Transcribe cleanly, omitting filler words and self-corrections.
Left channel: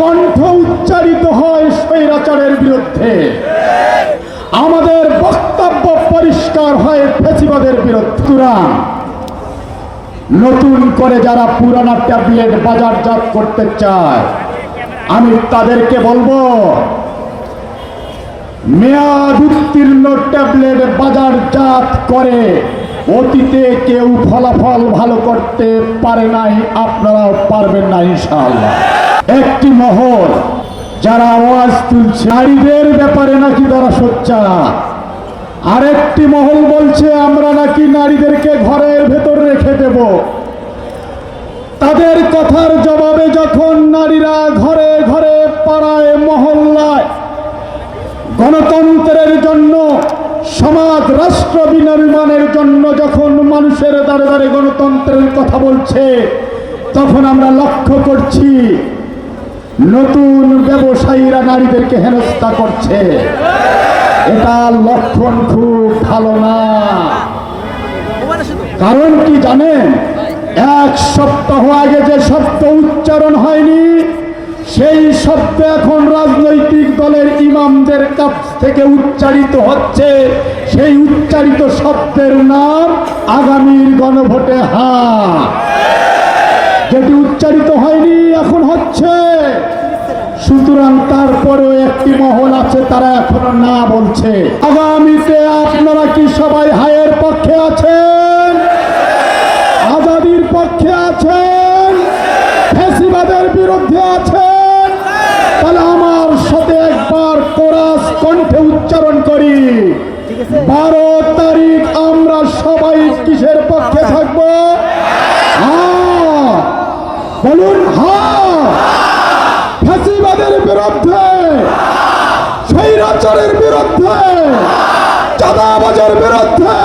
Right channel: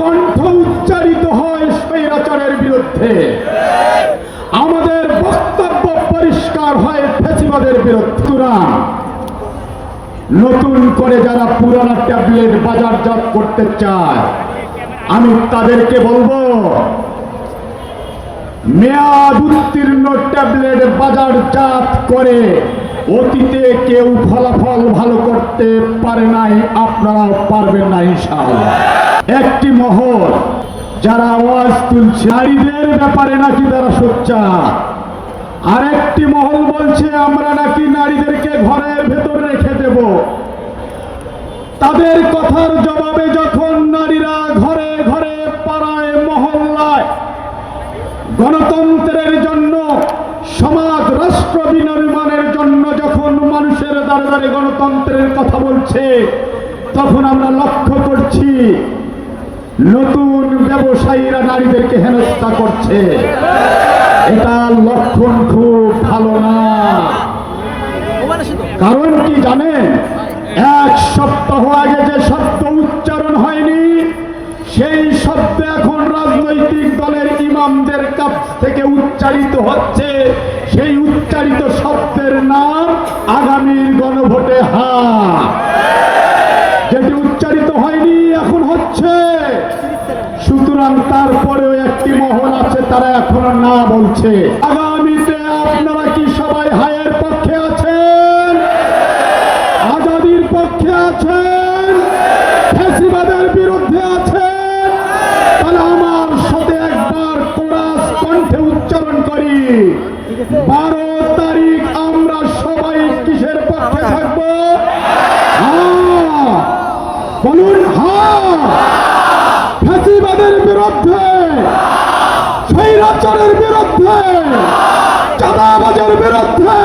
কণ্ঠ উচ্চারিত হয় স্বৈরাচারের বিরুদ্ধে, আমাদের বক্তব্য পরিষ্কার হয় ফ্যাসিবাদের বিরুদ্ধে। নতুন করে যারা পুরানা ট্যাবলেট বাজারজাত করতে চায়, আমি তাদেরকে বলবো, মেয়াদ উত্তীর্ণ ট্যাবলেট বাজারজাত করে অতীতে কেউ ফলাফল ভালো করতে পারে নাই, আপনারাও পারবেন না ইনশাআল্লাহ। একটি মহল যারা আওয়াজ তুলছে নারীদের ব্যাপারে নাকি তারা সোচ্চার, আরেকটি মহল বলছে আমরা নাকি নারীদেরকে ঘরের ভেতর রেখে দেব। তাদের কথার জবাবে যখন নারীরা ঘরে ঘরে পাড়ায় মহল্লায় গণতন্ত্রের জন্য, সমাজ রাষ্ট্র বিনির্মাণের জন্য যখন মানুষের দ্বারে দ্বারে গণতন্ত্রের কথা বলছে, তখন আমরা লক্ষ্য করছি নতুন ব্যবসায়ীরা নারীদেরকে হেনস্থা করছে। এটা লক্ষণ খুব ভালো না। কারণ কি জানেন, এক সপ্তাহ আগে যে শব্দ উচ্চারণ হয়নি, সেই শব্দ এখন রাজনৈতিক দলের ইমামদের কাছ থেকে উচ্চারিত হচ্ছে। সেই উচ্চারিত শব্দের নাম আগামীর গণভোটে হা, যেটি উচ্চারিত হয়নি এখন হচ্ছে। সুতরাং তারপরেও একটি মহল আছে তারা এখন না বলছে। আগামীতে আপনারা কি সবাই হায়ের পক্ষে আছেন, আজাদির পক্ষে আছেন, ফ্যাসিবাদের বিরুদ্ধে আছেন? তাহলে আমার সাথে একবার কোরাস কণ্ঠে উচ্চারণ করি, 12 তারিখ আমরা সবাই কিসের পক্ষে থাকবো? হ্যাঁ বলুন, হ্যাঁ ফ্যাসিবাদের বিরুদ্ধে, স্বৈরাচারের বিরুদ্ধে, চাঁদাবাজের বিরুদ্ধে।